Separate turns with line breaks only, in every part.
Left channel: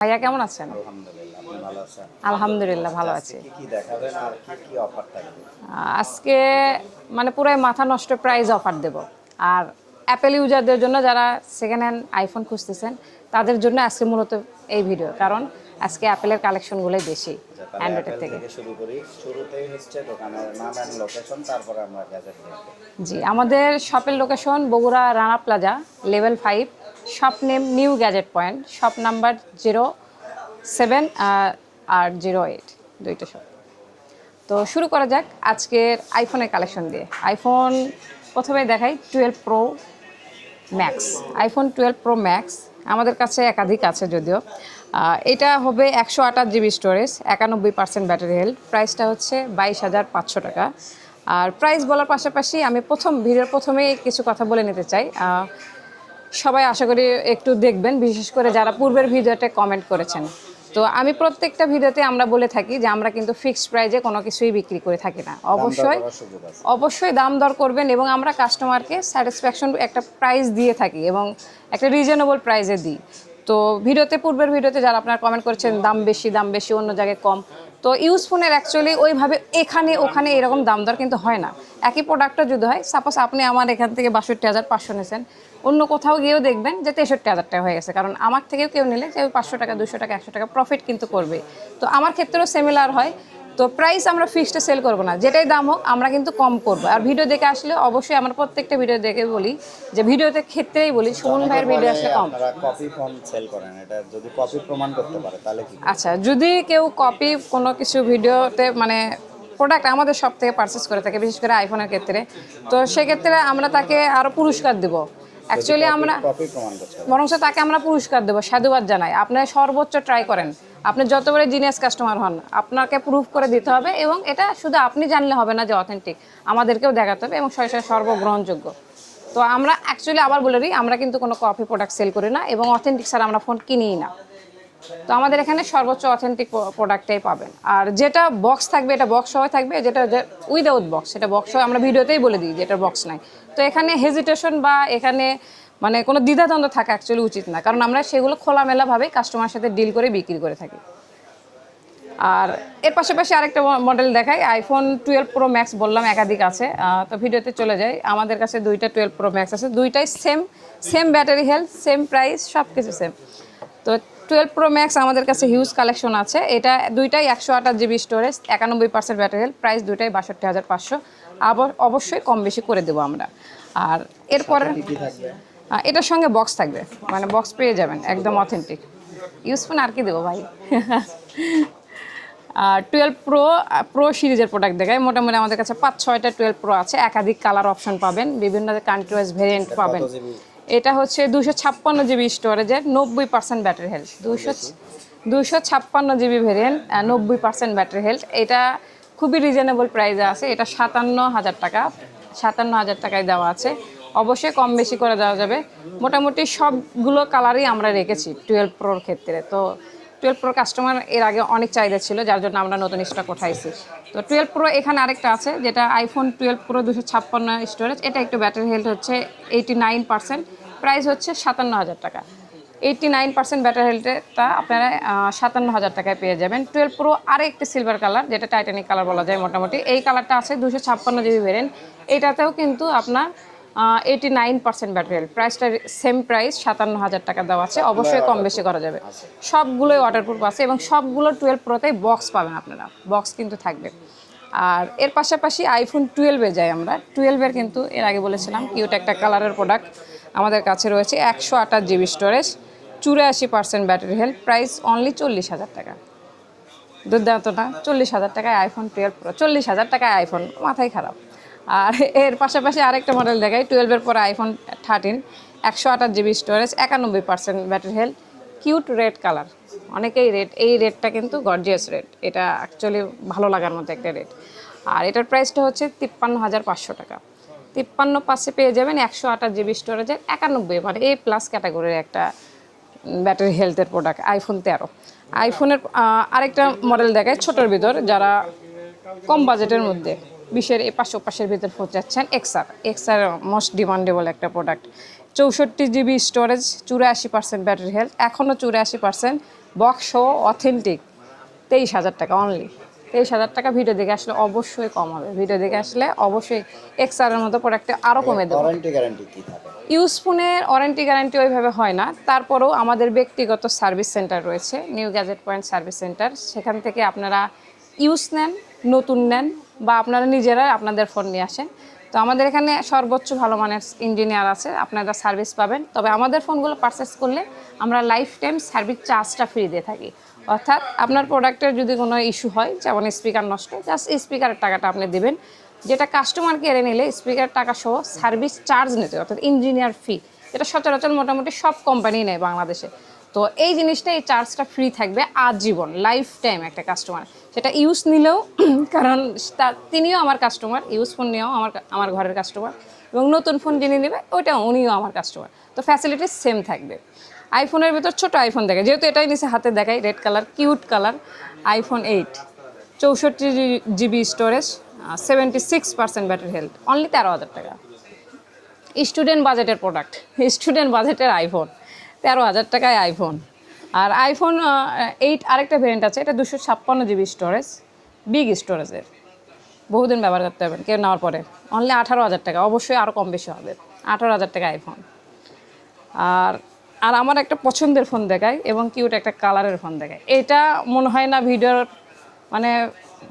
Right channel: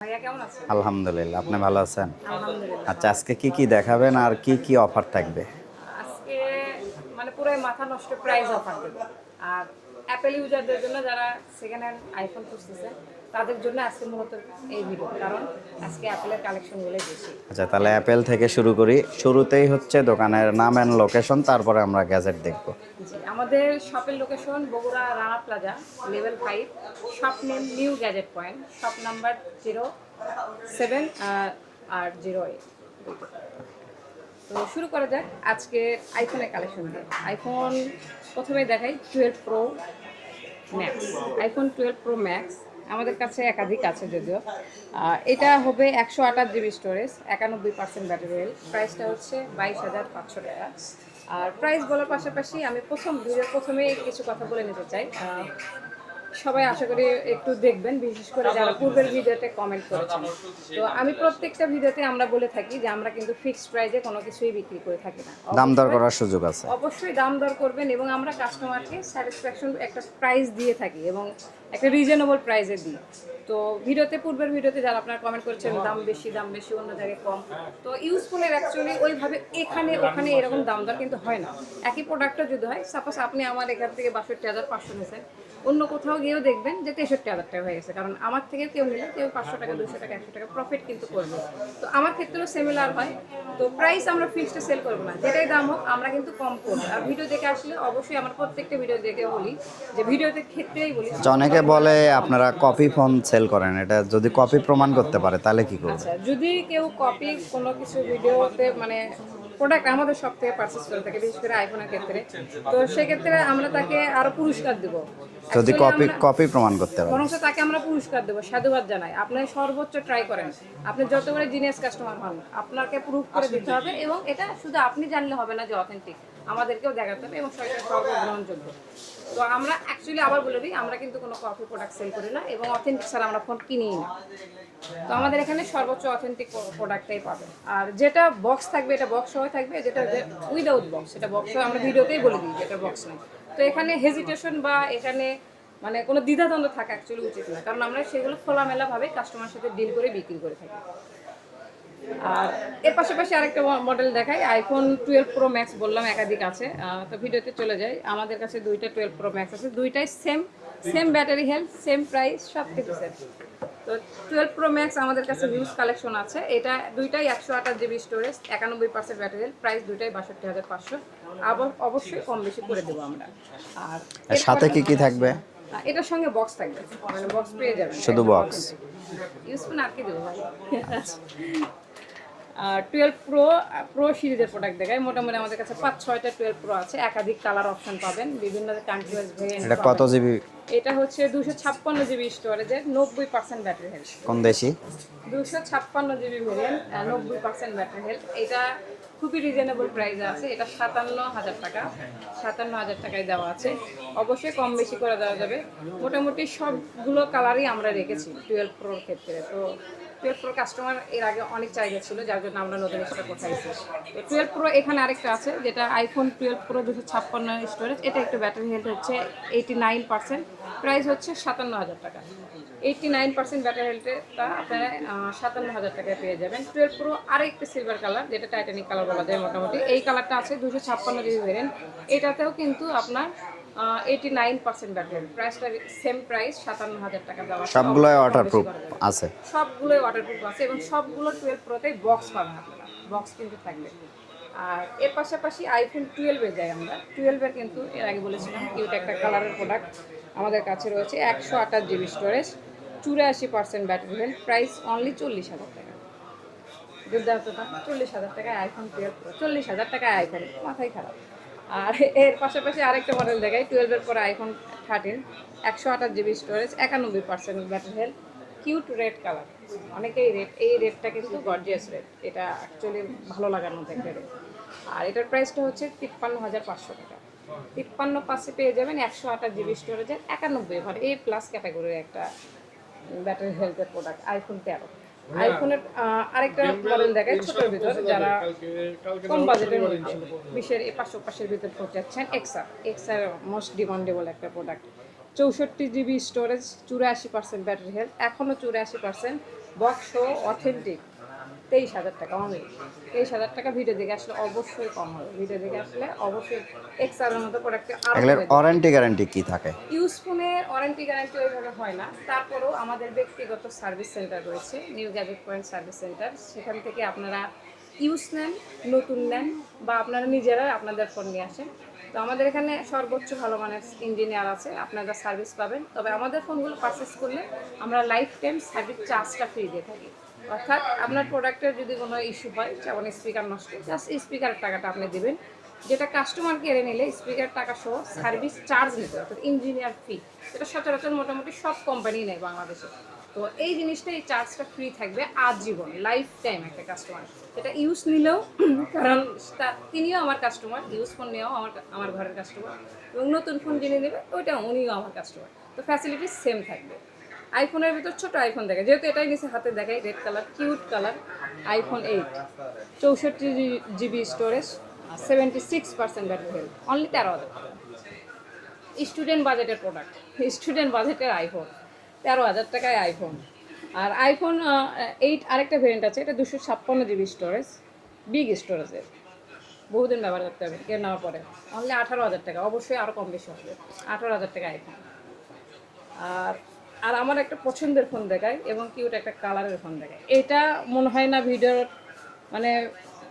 ভাইয়া কেমন আছেন?
আলহামদুলিল্লাহ আপনি ভালো আছেন?
আলহামদুলিল্লাহ
আচ্ছা আজকে
আছি
কি কি দেখাবেন আর কি কি অফার থাকবে?
আজকে মানে পুরাই মাথা নষ্ট প্রাইস অফার দেব। আর অ্যাপেল ইউজারদের জন্য যারা সেকেন্ড হ্যান্ড আইফোন খুঁজতেছেন তাদের জন্য আজকে মূলত এই ভিডিও কারণ আজকে অ্যাপেলের কালেকশনগুলোই বেশি।
আচ্ছা তাহলে অ্যাপেল থেকে। শুরু করি। শুরুতেই হচ্ছে দোকানের নাম অ্যান্ড লোকেশন তারপরে আমরা গ্যাজেট দেখব।
জি আমাদের শপের location Bogura Rana Plaza level five shop name New Gadget Point shop number zero seven আর জিরো এইট দুইটা শপ তো শুরু করা যাক আজকের আইফোনের কালেকশন দিয়ে। আইফোন প্রথমে দেখাই twelve Pro Max iPhone twelve Pro Max আমাদের কাছে একাধিক আছে যদিও। এটা হবে একশো আঠাশ জিবি স্টোরেজ একানব্বই পার্সেন্ট ব্যাটারি হেলথ প্রাইসটা হচ্ছে বাইশ হাজার পাঁচশো টাকা। আর প্রাইস বলার পাশাপাশি আমি প্রথম ভিডিওর প্রথমেই কিছু কথা বলে নিতে চাই। সবাই আশা করি একটু দেখবেন বিশেষ করে যারা পূর্বের ভিডিওতে কমেন্ট করেছেন। তো আমি প্রত্যেকটা ভিডিওতে আমরা বলে থাকি যে আমরা কিন্তু ফিক্সড প্রাইজে কোনো কিছুই বিক্রি করে থাকি না। অবশ্যই
সুযোগ আছে।
অবশ্যই দাম দর করবেন এবং আমরা কাস্টমারকে স্যাটিসফ্যাকশন একটা প্রাইস দিয়ে থাকি এবং একটা রিজনেবল প্রাইসে দিই। তো ভিডিওতে, পূর্বের ভিডিওতে যারা আপনারা কমেন্ট করেছেন, দাম বেশি দাম বেশি, অন্য জায়গায় কম, তো ইউজ ফোনের অ্যাকচুয়ালি ওইভাবে এখানে, ওখানে এরকম দাম দর কিন্তু হয় না। একই প্রোডাক্টটা যদি হয় সাপোজ আপনি আমার এখান থেকে বাষট্টি হাজার পাঁচশো নিয়েছেন, অন্য কোথাও গিয়েও দেখবেন যে তেষট্টি হাজার টাকা হয়ে গেছে, কারণ আমার থেকেও কেউ নিলে ওই পাঁচশো টাকা, দুশো টাকা, একশো টাকা প্রফিট কিন্তু করবে। তো আমার ক্ষেত্রেও সিমিলার হয়। তো প্রাইস আমরা ফিক্সডে সেল করব না। যেটাই দাম হোক আমরা কিন্তু কম করব। আর ভিডিও দেখে আসলে অবশ্যই আমরা প্রত্যেকটা ভিডিও দেখে বলি যে ভিডিওতে ক্ষেত্রেই বলি
আচ্ছা, অনেকে বলে। আপনারা কপি ফোন সেল করেন। এটা যদি কপি প্রমাণ করতে পারে তাহলে কি
আচ্ছা যদি কেউ কপি কোনো কিছু ভিডিওতে মানে প্রোডাক্ট আমাদের সব থেকে পারচেস করে থাকে বিশেষ করে আইফোনের ক্ষেত্রে তো সেক্ষেত্রে আমরা তাকে আরও পুরস্কার দেব।
যদি কপি কপি প্রমাণ করতে পারে
বরং তাকে আমরা পুরস্কার দেবো সাধুবাদ জানাই। আপনি সর্বোচ্চ ট্রাই করেন। আপনি যতবারে জিনিয়াস কাস্টমার হন আপনাকে প্রুফ করে দিতে হবে এবং এটা শুধু আপনি জানলে হবে না যে অথেন্টিক আমাদেরকেও দেখাতে হবে এবং সর্বগ্রহণযোগ্য। তো আমরা অ্যাকচুয়ালি আবার বলে দিই আমরা কিন্তু কোনো কপি প্রোডাক্ট সেল করি না এবং অথেন্টিক ছাড়া আমরা ফোন কিনিই না। তো আমাদের এখানে সর্বোচ্চ অথেন্টিক প্রোডাক্টটাই পাবেন। আর যেটা বক্স থাকবে এটা বক্স সহ থাকবে যেটা উইদাউট বক্স সেটা বক্স আমরা ভিডিওতেই বলে দিই যেটা বক্স নাই। তো এখানে হেজিটেশন বা এখানে মানে কোনো দ্বিধাদ্বন্দ্ব থাকা অ্যাকচুয়ালি উচিত না। কারণ আমরা সেগুলো খোলামেলাভাবে কাস্টমার সাথে ডিল করে বিক্রি করে থাকি। আর এর পাশাপাশি আরেকটা মডেল দেখাই। আইফোন টুয়েলভ প্রো ম্যাক্স বললাম, একাধিক আছে। তো ভিডিওতে চলে যাই। আমাদের কাছে দুইটা টুয়েলভ প্রো ম্যাক্স আছে। দুইটাই same same battery health same price সব কিছু সেম তো টুয়েলভ প্রো ম্যাক্স আমাদের কাছে হিউজ কালেকশন আছে। এটা দুইটাই একশো আঠাশ জিবি স্টোরেজ একানব্বই পার্সেন্ট ব্যাটারি হেলথ প্রাইস দুইটাই বাষট্টি হাজার পাঁচশো। আবার অবশ্যই কম বেশি করে দেবো আমরা। আর এরপরে
সাথে কি কি থাকবে?
এটার সঙ্গে বক্স থাকবে। মানে বক্স পেয়ে যাবেন একদম? অথেন্টিক ইউজফোন আর কি দেবো ভাই? আর টুয়েলভ প্রো প্রো সিরিজের প্রোডাক্ট দেখায় মোটামুটি আমাদের কাছে পাঁচ ছয়টা টুয়েলভ প্রো আছে। একাধিক কালার অপশন পাবেন। বিভিন্ন কান্ট্রি ওয়াইজ ভেরিয়েন্ট পাবেন। এটা হচ্ছে দুশো ছাপ্পান্ন জিবি স্টোরেজের নব্বই পার্সেন্ট ব্যাটারি হেলথ দুশো ছাপ্পান্ন জিবি ভেরিয়েন্ট নব্বই পার্সেন্ট ব্যাটারি হেলথ এটা খুবই রিজনেবল প্রাইসে আছে। এটা সাতান্ন হাজার টাকা। সাতান্ন হাজার টাকায় দেওয়া আছে। অবশ্যই কম বেশি করে দেওয়া যাবে। মোটামুটি সবগুলো কালারই আমরা রেখেছি টুয়েলভ প্রোর ক্ষেত্রে। তো টুয়েলভ প্রো কাস্টমার এর আগে অনেক চাহিদা ছিল, যার জন্য আমরা নতুন স্টক উঠাইছি। তো টুয়েলভ প্রো এখানে আরেকটা আছে, যেটা আইফোন টুয়েলভ প্রো দুশো ছাপ্পান্ন স্টোরেজ এটা একটু ব্যাটারি হেলথ হচ্ছে এইটি নাইন পার্সেন্ট প্রাইস হচ্ছে সাতান্ন হাজার টাকা। এইটটি নাইন পার্সেন্ট ব্যাটারি হেলথটা আপনারা সাতান্ন হাজার টাকায় পেয়ে যাবেন। টুয়েলভ প্রো আর একটি সিলভার কালার যেটা টাইটানিক কালার বলা যায় মোটামুটি। এই কালারটা আছে দুশো ছাপ্পান্ন জিবি ভেরিয়েন্ট এটাতেও কিন্তু আপনার eighty nine percent battery health প্রাইসটা সেম প্রাইস সাতান্ন হাজার টাকা দেওয়া আছে। অবশ্যই কম বেশি করা যাবে। সবগুলোই ওয়াটারপ্রুফ আছে এবং সবগুলো টুয়েলভ প্রোতেই বক্স পাবেন আপনারা। বক্স কিন্তু থাকবে। আর এর পাশাপাশি আইফোন টুয়েলভে যাই আমরা। টুয়েলভের কিন্তু এর আগে বলেছিলাম কিউট একটা কালারের প্রোডাক্ট আমাদের কাছে রয়েছে একশো আঠাশ জিবি স্টোরেজ চুরাশি percent battery health price only চল্লিশ হাজার টাকা। দুর্দান্ত না চল্লিশ হাজার টাকায় আইফোন টুয়েলভ প্রো চল্লিশ হাজার টাকায় আইফোন মাথায় খারাপ। আর এর পাশাপাশি আরেকটা মডেল দেখাই টুয়েলভের পরে আইফোন থার্টিন একশো আঠাশ জিবি স্টোরেজ একানব্বই percent battery health cute red colour অনেকেই রেড এই রেডটা কিন্তু গর্জিয়াস রেড এটা অ্যাকচুয়ালি ভালো লাগার মতো একটা রেড আর এটার প্রাইসটা হচ্ছে তিপ্পান্ন হাজার পাঁচশো টাকা। তিপ্পান্ন পাশে পেয়ে যাবেন একশো আঠাশ জিবি স্টোরেজের একানব্বই মানে এ প্লাস ক্যাটাগরির একটা ব্যাটারি হেলথের প্রোডাক্ট আইফোন তেরো। আইফোনের আরেকটা মডেল দেখায় ছোটোর ভিতর যারা কম বাজেটের মধ্যে বিশের এ পাঁচশো পাশের ভিতর ফোন যাচ্ছেন এক্সার এক্সার মোস্ট ডিমান্ডেবল একটা প্রোডাক্ট চৌষট্টি জিবি স্টোরেজ চুরাশি পার্সেন্ট ব্যাটারি হেলথ এখনও চুরাশি পার্সেন্ট বক্স অথেন্টিক তেইশ হাজার টাকা অনলি তেইশ হাজার টাকা ভিডিও দেখে আসলে অবশ্যই কম হবে। ভিডিও দেখে আসলে অবশ্যই এক্সআরের মতো প্রোডাক্টে আরও কমে দেবে।
ওয়ারেন্টি গ্যারান্টি কি থাকে?
ইউজ ফোনের ওয়ারেন্টি গ্যারান্টি ওইভাবে হয় না। তারপরেও আমাদের ব্যক্তিগত সার্ভিস সেন্টার রয়েছে New Gadget Point service centre সেখান থেকে আপনারা ইউজ নেন নতুন নেন বা আপনারা নিজেরা আপনাদের ফোন নিয়ে আসেন। তো আমাদের এখানে সর্বোচ্চ ভালো মানের ইঞ্জিনিয়ার আছে আপনারা সার্ভিস পাবেন। তবে আমাদের ফোনগুলো পারচেস করলে আমরা লাইফ টাইম সার্ভিস চার্জটা ফ্রি দিয়ে থাকি। অর্থাৎ আপনার প্রোডাক্টের যদি কোনো ইস্যু হয়, যেমন স্পিকার নষ্ট জাস্ট স্পিকারের টাকাটা আপনি দেবেন। যেটা কাস্টমার কেড়ে নিলে স্পিকার টাকা সহ সার্ভিস চার্জ নিতে অর্থাৎ ইঞ্জিনিয়ার ফি যেটা সচরাচর মোটামুটি সব কোম্পানি নেয় বাংলাদেশে। তো এই জিনিসটা, এই চার্জটা ফ্রি থাকবে আজীবন লাইফ টাইম একটা কাস্টমার সেটা ইউজ নিলেও, কারণ তা- তিনিও আমার কাস্টমার ইউজ ফোন নিয়েও আমার আমার ঘরের কাস্টমার এবং নতুন ফোন যিনি নেবে ওইটা উনিও আমার কাস্টমার তো ফ্যাসিলিটিস সেম থাকবে। আইফোনের ভিতর ছোট আইফোন দেখে। যেহেতু এটাই নিচে হাতে দেখাই red colour cute colour iPhone eight চৌষট্টি GB storage seventy six percent battery health only তেরো হাজার টাকা। স্টুডেন্ট বাজেটের প্রোডাক্ট স্টুডেন্ট বাজেটের আইফোন তেরো হাজার টাকায় আইফোন আর আইফোন এইট আরেকটা ভেরিয়েন্ট আছে, এটা দুশো ছাপ্পান্ন জিবি স্টোরেজ বিগ স্টোরেজের বহুদিন ব্যবহার করতে হবে, কেউ নেওয়ার পরে। অনলি আঠারো হাজার টাকা, অবশ্যই আরও কম বেশি হবে। আঠারো হাজার টাকা আইফোন আর আর আমার একটা পছন্দের ফোন দেখায় এবং কিউট একটা কালারের ফোন দেখায়। এটা মনে হয় না ভিডিওর মানে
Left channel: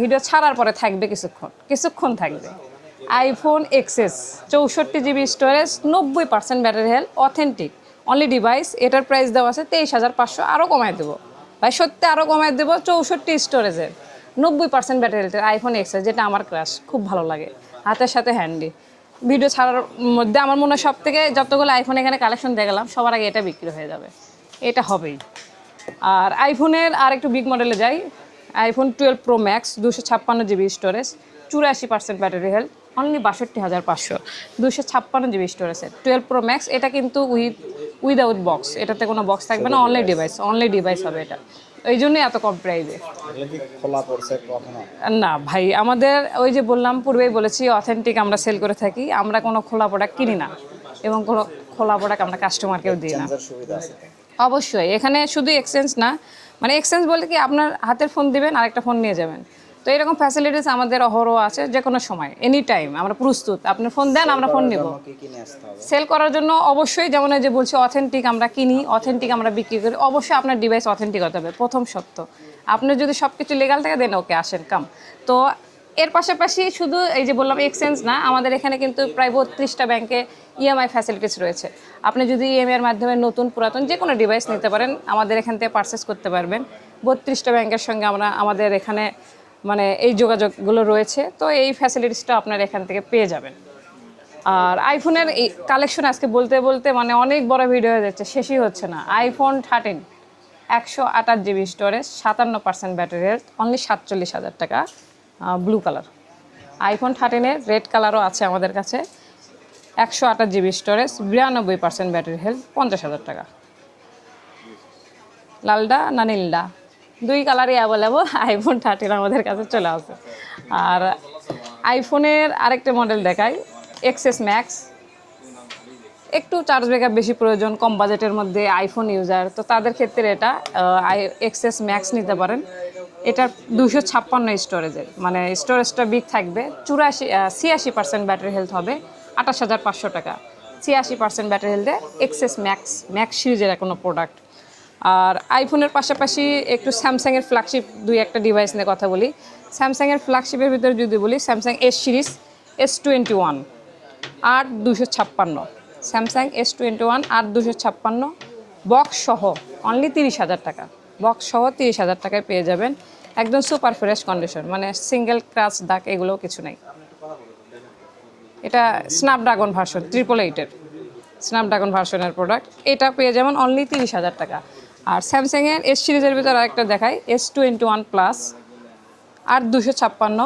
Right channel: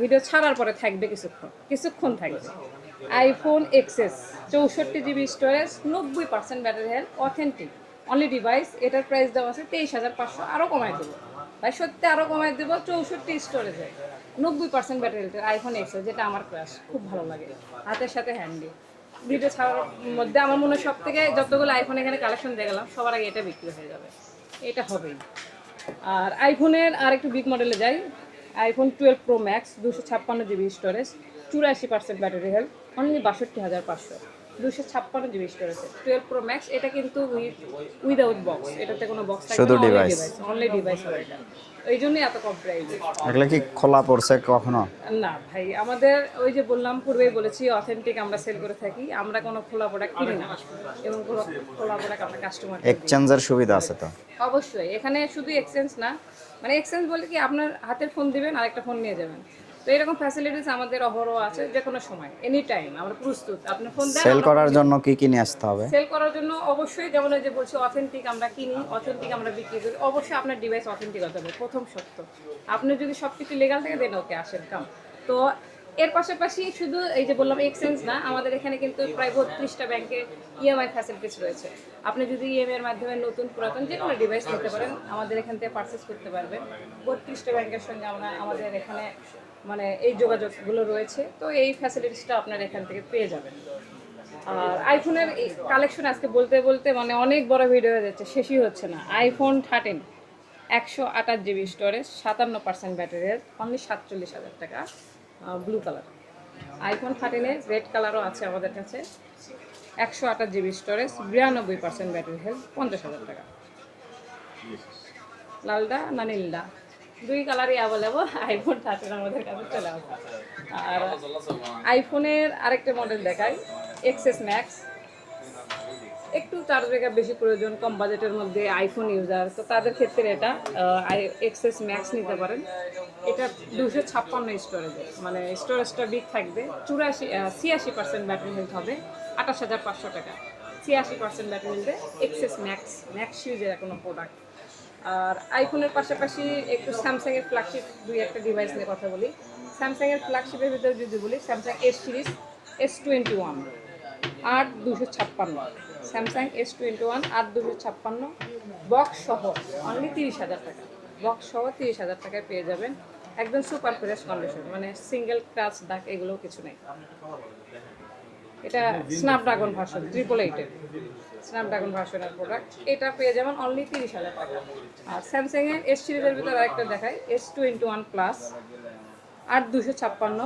ভিডিও ছাড়ার পরে থাকবে কিছুক্ষণ কিছুক্ষণ থাকবে। আইফোন এক্সেস চৌষট্টি জিবি স্টোরেজ নব্বই percent battery health authentic only device এটার প্রাইস দেওয়া আছে তেইশ হাজার পাঁচশো আরও কমায় দেবো। ভাই, সত্যি আরও কমায় দেবো চৌষট্টি স্টোরেজের নব্বই পার্সেন্ট ব্যাটারি হেলথের আইফোন এক্সেস যেটা আমার ক্রাশ খুব ভালো লাগে। হাতের সাথে হ্যান্ডি ভিডিও ছাড়ার মধ্যে আমার মনে হয় সব থেকে যতগুলো আইফোন এখানে কালেকশন দেখালাম সবার আগে এটা বিক্রি হয়ে যাবে। এটা হবেই। আর আইফোনের আর একটু বিগ মডেলে যাই। আইফোন টুয়েলভ প্রো ম্যাক্স দুশো ছাপ্পান্ন জিবি স্টোরেজ চুরাশি পার্সেন্ট ব্যাটারি হেলথ অনলি বাষট্টি হাজার পাঁচশো। দুশো ছাপ্পান্ন জিবি স্টোরেজের টুয়েলভ প্রো ম্যাক্স এটা কিন্তু উইথ উইদাউট বক্স এটাতে কোনো বক্স থাকবে না অনলি ডিভাইস অনলি ডিভাইস হবে এটা। এই জন্যই এত কম প্রাইজে
এগুলো কি খোলা পড়ছে কখনো?
না ভাই আমাদের ওই যে বললাম পূর্বেই বলেছি অথেন্টিক আমরা সেল করে থাকি আমরা কোনো খোলা প্রোডাক্ট কিনি না। এবং কোনো খোলা প্রোডাক্ট আমরা কাস্টমারকে দিই না।
এক্সচেঞ্জের সুবিধা আছে তো?
অবশ্যই এখানে শুধু এক্সচেঞ্জ না। মানে এক্সচেঞ্জ বলতে কি আপনার হাতের ফোন দিবেন আরেকটা ফোন নিয়ে যাবেন। তো এরকম ফ্যাসিলিটিস আমাদের অহরহ আছে যে কোনো সময় এনি টাইম আমরা প্রস্তুত। আপনি ফোন দেন আমরা ফোন
জন্য কি কি নিয়ে আসতে হবে?
সেল করার জন্য অবশ্যই যেমন যে বলছি অথেন্টিক আমরা কিনি অথেন্টিক আমরা বিক্রি করি অবশ্যই আপনার ডিভাইস অথেন্টিক হতে হবে প্রথম সত্য। আপনার যদি সব কিছু লিগাল থাকে দেন ওকে আসেন কাম তো এর পাশাপাশি শুধু এই যে বললাম এক্সচেঞ্জ না আমাদের এখানে কিন্তু প্রায় বত্রিশটা ব্যাংকে ইএমআই ফ্যাসিলিটিস রয়েছে। আপনি যদি ইএমআই এর মাধ্যমে নতুন পুরাতন যে কোনো ডিভাইস নিতে পারেন আমাদের এখান থেকে পারচেস করতে পারবেন। বত্রিশটা ব্যাংকের সঙ্গে আমরা আমাদের এখানে মানে এই যোগাযোগগুলো রয়েছে, তো এই ফ্যাসিলিটিসটা আপনার এখান থেকে পেয়ে যাবেন। আর আইফোনের এই কালেকশন আজকে বলতে বলতে মানে অনেক বড় ভিডিও হয়ে যাচ্ছে, শেষই হচ্ছে না। আইফোন থার্টিন একশো আঠাশ জিবি স্টোরেজ সাতান্ন পার্সেন্ট ব্যাটারি হেলথ অনলি সাতচল্লিশ হাজার টাকা ব্লু কালার আইফোন থার্টিনের রেড কালারও আছে আমাদের কাছে, একশো আঠাশ জিবি স্টোরেজ বিরানব্বই পার্সেন্ট ব্যাটারি হেলথ পঞ্চাশ হাজার টাকা। লালডা না নীলডা? দুই কালারই অ্যাভেলেবল আইফোন থার্টিন আমাদের কাছে চলে আসে। আর আইফোনের আরেকটা মডেল দেখাই এক্সএস ম্যাক্স একটু চার্জ ব্যাকআপ বেশি প্রয়োজন, কম বাজেটের মধ্যে আইফোন ইউজার তো তাদের ক্ষেত্রে এটা এক্সএস ম্যাক্স নিতে পারেন। এটা দুশো ছাপ্পান্ন স্টোরেজের মানে স্টোরেজটা বিগ থাকবে। চুরাশি ছিয়াশি পার্সেন্ট ব্যাটারি হেলথ হবে। আঠাশ হাজার পাঁচশো টাকা। ছিয়াশি পার্সেন্ট ব্যাটারি হেলথে এক্সএস ম্যাক্স ম্যাক্স সিরিজের কোনো প্রোডাক্ট আর আইফোনের পাশাপাশি একটু স্যামসাংয়ের ফ্ল্যাগশিপ দুই একটা ডিভাইস নিয়ে কথা বলি। স্যামসাংয়ের ফ্ল্যাগশিপের ভিতরে যদি বলি Samsung S series S twenty one আট দুশো ছাপ্পান্ন। স্যামসাং এস টোয়েন্টি ওয়ান আট দুশো ছাপ্পান্ন। বক্স সহ অনলি তিরিশ হাজার টাকা। বক্স সহ তিরিশ হাজার টাকায় পেয়ে যাবেন একদম সুপার ফ্রেশ কন্ডিশন মানে সিঙ্গেল ক্রাচ দাগ এগুলো কিছু নেই। এটা স্ন্যাপড্রাগন ভার্সন ট্রিপল এইটের স্ন্যাপড্রাগন ভার্সনের প্রোডাক্ট এটা পেয়ে যাবেন অনলি তিরিশ হাজার টাকা। আর স্যামসাংয়ের এস সিরিজের ভিতরে আরেকটা দেখাই এস টোয়েন্টি ওয়ান প্লাস আর দুশো ছাপ্পান্ন।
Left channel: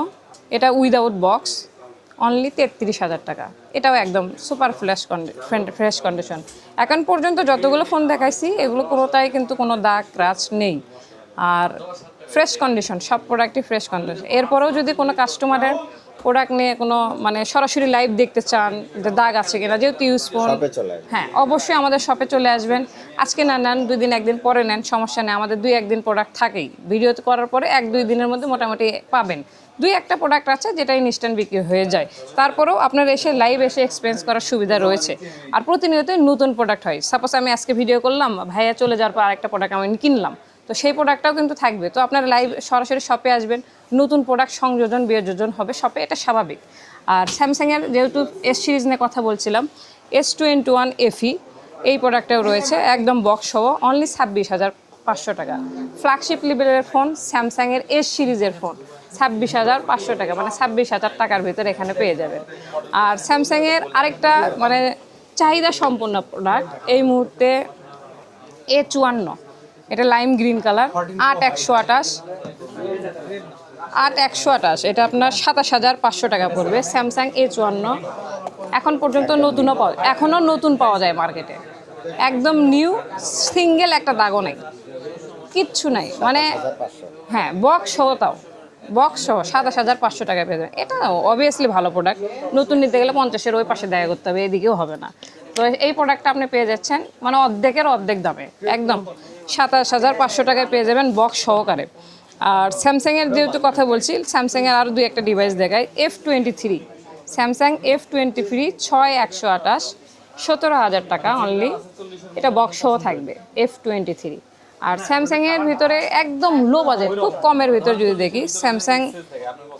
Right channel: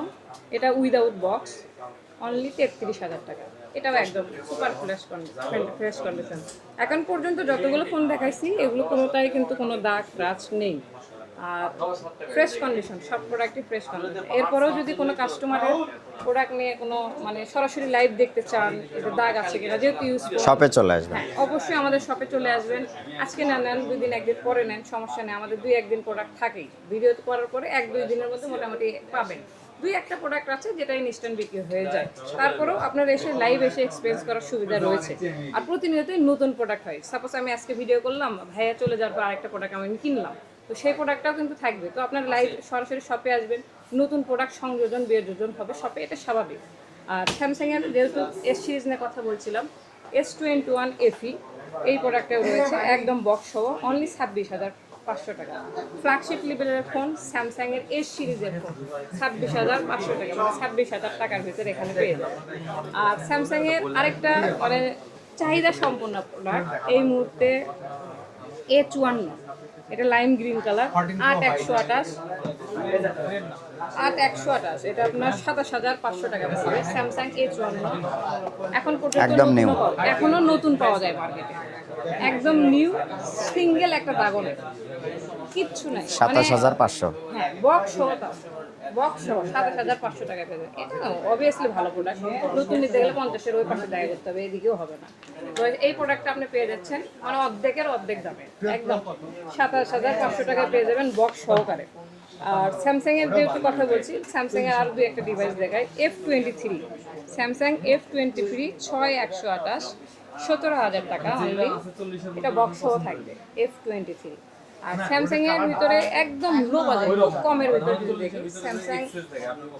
এটা উইদাউট বক্স অনলি তেত্রিশ হাজার টাকা। এটাও একদম সুপার ফ্রেশ ফ্রেশ কন্ডিশন এখন পর্যন্ত যতগুলো ফোন দেখাইছি, এগুলো কোনোটাই কিন্তু কোনো দাগ, ক্রাচ নেই। আর ফ্রেশ কন্ডিশন সব প্রোডাক্টই ফ্রেশ কন্ডিশন এরপরেও যদি কোনো কাস্টমারের প্রোডাক্ট নিয়ে কোনো মানে সরাসরি লাইভ দেখতে চান যে দাগ আছে কিনা যেহেতু ইউজ
শপে চলে আসবে
হ্যাঁ অবশ্যই আমাদের শপে চলে আসবেন। আজকে না নেন দুই দিন একদিন পরে নেন সমস্যা নেই আমাদের দুই একদিন প্রোডাক্ট থাকেই। ভিডিও করার পরে এক দুই দিনের মধ্যে মোটামুটি পাবেন। দুই একটা প্রোডাক্ট আছে যেটা ইনস্ট্যান্ট বিক্রি হয়ে যায়। তারপরেও আপনার এসে লাইভ এসে এক্সপিরিয়েন্স করার সুবিধা রয়েছে। আর প্রতিনিয়তই নতুন প্রোডাক্ট হয়। সাপোজ আমি আজকে ভিডিও করলাম ভাইয়া চলে যাওয়ার পর আরেকটা প্রোডাক্ট আমি কিনলাম। তো সেই প্রোডাক্টটাও কিন্তু থাকবে। তো আপনারা লাইভ সরাসরি শপে আসবেন নতুন প্রোডাক্ট সংযোজন বিয়োজন হবে শপে এটা স্বাভাবিক। আর স্যামসাংয়ের যেহেতু এস সিরিজ নিয়ে কথা বলছিলাম এস টোয়েন্টি ওয়ান এফি এই প্রোডাক্টটাও রয়েছে একদম বক্স সহ অনলি ছাব্বিশ হাজার পাঁচশো টাকা। ফ্ল্যাগশিপ লেভেলের ফোন স্যামসাংয়ের এস সিরিজের ফোন ছাব্বিশ হাজার পাঁচশো টাকা মানে ছাব্বিশ হাজার টাকার ভিতরে এখানে পেয়ে যাবেন। আর স্যামসাংয়ের আরেকটা মানে চাহিদা সম্পন্ন প্রোডাক্ট এই মুহূর্তে এ চুয়ান্ন। এটা লাইম গ্রিন কালার আট একশো আঠাশ। আট একশো আঠাশ। এটা আপনার সাতাশ হাজার পাঁচশো টাকা পড়বে। স্যামসাং এ চুয়ান্ন এখন পর্যন্ত নতুনও। পাওয়া এখনও নতুন পাওয়া যায় মার্কেটে একদম নিউ সিঙ্গেল একটা দাগও নাই। কিচ্ছু নাই। মানে
পাঁচশো।
হ্যাঁ বক্স সহ তাও। বক্স সহ সাতাশ হাজার পাঁচশো টাকা পেয়ে যাবেন এটা অবভিয়াসলি ভালো প্রোডাক্ট নতুন নিতে গেলে পঞ্চাশের ওই পাশে দেখা করতে হবে এদিকেও হবে না। তো এই প্রোডাক্টটা আপনি পেয়ে যাচ্ছেন। মানে অর্ধেকের অর্ধেক দামে, একদম। সাতাশ হাজার পাঁচশো টাকায় পেয়ে যাবেন বক্স সহকারে। আর স্যামসাংয়ের যেহেতু কথা বলছি স্যামসাংয়ের আরও দুই একটা ডিভাইস দেখায় F twenty three Samsung F twenty three ছয় একশো আঠাশ, সতেরো হাজার টাকা অনলি এটা বক্স সহ থাকবে এফ টোয়েন্টি থ্রি আর স্যামসাং এর ভিতরে একদম লো বাজেট খুব কমের ভিতরে যদি দেখি স্যামসাং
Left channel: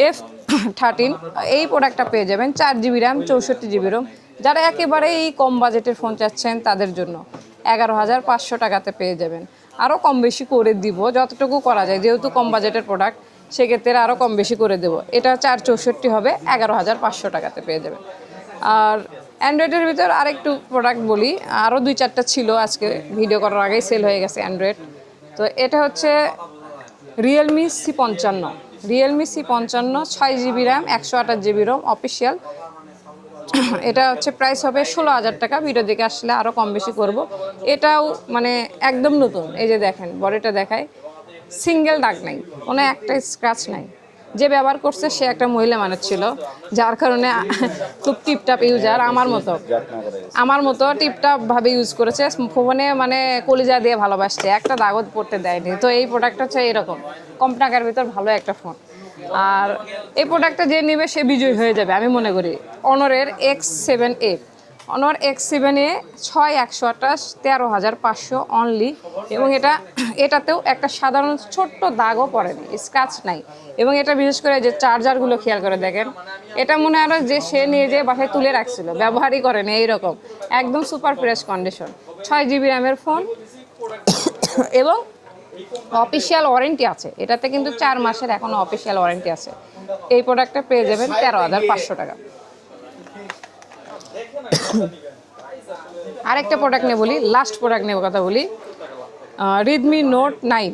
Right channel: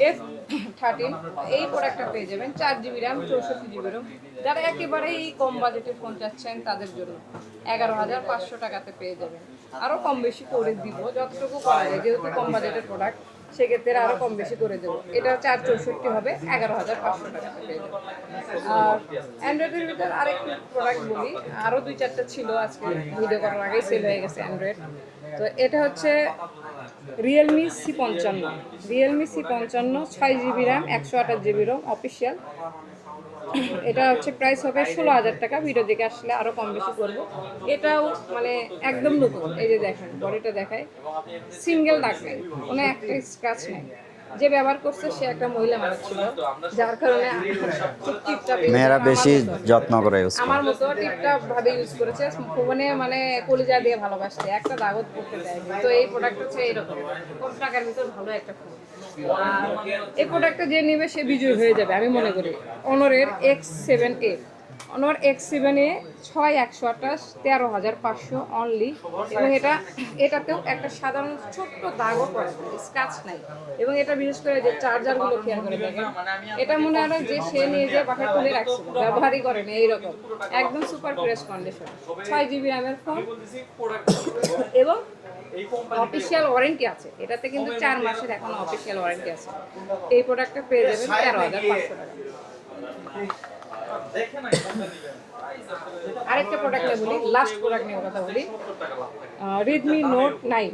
এফ থার্টিন এই প্রোডাক্টটা পেয়ে যাবেন চার জিবি র্যাম চৌষট্টি জিবি রোম যারা একেবারেই কম বাজেটের ফোন চাচ্ছেন তাদের জন্য এগারো হাজার পাঁচশো টাকাতে পেয়ে যাবেন। আরও কম বেশি করে দিব, যতটুকু করা যায়। যেহেতু কম বাজেটের প্রোডাক্ট সেক্ষেত্রে আরও কম বেশি করে দেবো। এটা চার চৌষট্টি হবে, এগারো হাজার পাঁচশো টাকাতে পেয়ে যাবে আর অ্যান্ড্রয়েডের ভিতর আরেকটু প্রোডাক্ট বলি। আরও দুই চারটা ছিল আজকে ভিডিও করার আগেই সেল হয়ে গেছে অ্যান্ড্রয়েড তো এটা হচ্ছে রিয়েলমি সি পঞ্চান্ন। রিয়েলমি সি পঞ্চান্ন, ছয় জিবি র্যাম একশো আঠাশ জিবি রোম অফিসিয়াল এটা হচ্ছে প্রাইস হবে ষোলো হাজার টাকা। ভিডিও দেখে আসলে আরও কম বেশি করব। এটাও মানে একদম নতুন। এই যে দেখেন, বডিটা দেখায়। সিঙ্গেল ডাক নাই, কোনো একটা স্ক্র্যাচ নাই। যে ব্যবহার করছে সে একটা মহিলা মানুষ ছিল যার কারণে খুব টিপটাপ ইউজার আমার মতো।
যত্ন করে করে।
আমার মতো টিপটাপ ভাবে ইউজ করেছে ফোনে মানে কলিজা দিয়ে ভালোবাসছে একটা দাগত পড়তে দেয়নি। তো এই প্রোডাক্ট হচ্ছে এরকম কম টাকার ভিতর ভালো একটা ফোন আর এই প্রোডাক্টটা যে নেবে সে বিজয়ী হয়ে যাবে আমি মনে করি। অনরের এক্স সেভেন এ অনর এক্স সেভেন ছয়, একশো আঠাশ, তেরো হাজার পাঁচশো অনলি এবং এটা, এটাতেও একটা সাধারণ ছোট্ট দাগও পড়েনি স্ক্র্যাচ নাই। এবং এটা বিশেষ করে যে চার্জারগুলো খেয়াল করে দেখেন, এটা মনে হয় যে সে নিয়ে যে বাসায় তুলে রাখছিল, ব্যবহারই করেনি এইরকম, একদম সুপার ফ্রেশ কন্ডিশন ছয় জিবি র্যামের ফোন এবং অফিসিয়াল ওয়ারেন্টি আছে। এটাতে কিন্তু চার মাসের এখনও অফিসিয়াল ওয়ারেন্টি আছে। এই প্রোডাক্টটা পেয়ে যাবেন তেরো হাজার পাঁচশো টাকা। আরেকটা প্রোডাক্ট নিয়ে বলি লাস্ট প্রোডাক্ট নিয়ে কথা বলি। রেডমি নোট নাইন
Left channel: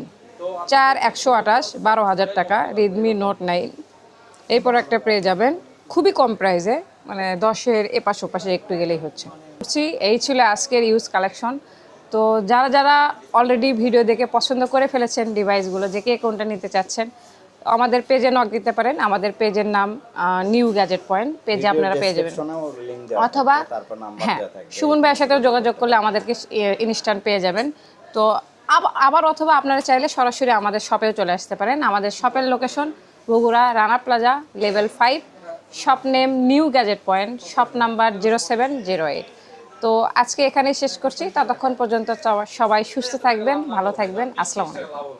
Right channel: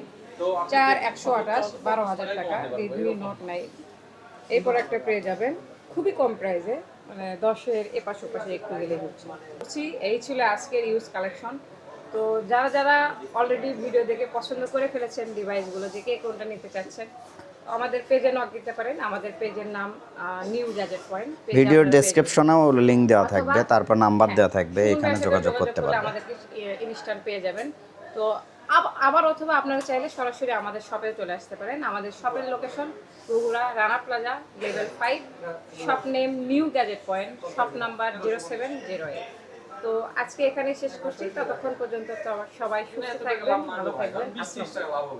চার একশো আঠাশ, বারো হাজার টাকা রেডমি নোট নাইন এই প্রোডাক্টটা পেয়ে যাবেন। খুবই কম প্রাইসে মানে দশের এপাশ ওপাশে একটু গেলেই হচ্ছে। এই ছিল আজকের ইউজ কালেকশন তো যারা যারা অলরেডি ভিডিও দেখে পছন্দ করে ফেলেছেন ডিভাইসগুলো যে কে কোনটা নিতে চাচ্ছেন আমাদের পেজে নক দিতে পারেন। আমাদের পেজের নাম নিউ গ্যাজেট পয়েন্ট পেজে আপনারা
ডেসক্রিপশনেও লিংক দেওয়া থাকবে তারপর নাম্বার
হ্যাঁ,
দেওয়া থাকবে
সুমন ভাইয়ের সাথে যোগাযোগ করলে আমাদেরকে ইনস্ট্যান্ট পেয়ে যাবেন। তো আবার অথবা আপনারা চাইলে সরাসরি আমাদের শপেও চলে আসতে পারেন। আমাদের শপের location Bogura Rana Plaza level five shop name New Gadget Point shop number zero seven zero eight তো আজকে এখানেই শেষ করছি। ততক্ষণ পর্যন্ত সবাই সুস্থ থাকবেন ভালো থাকবেন। আসসালামু আলাইকুম।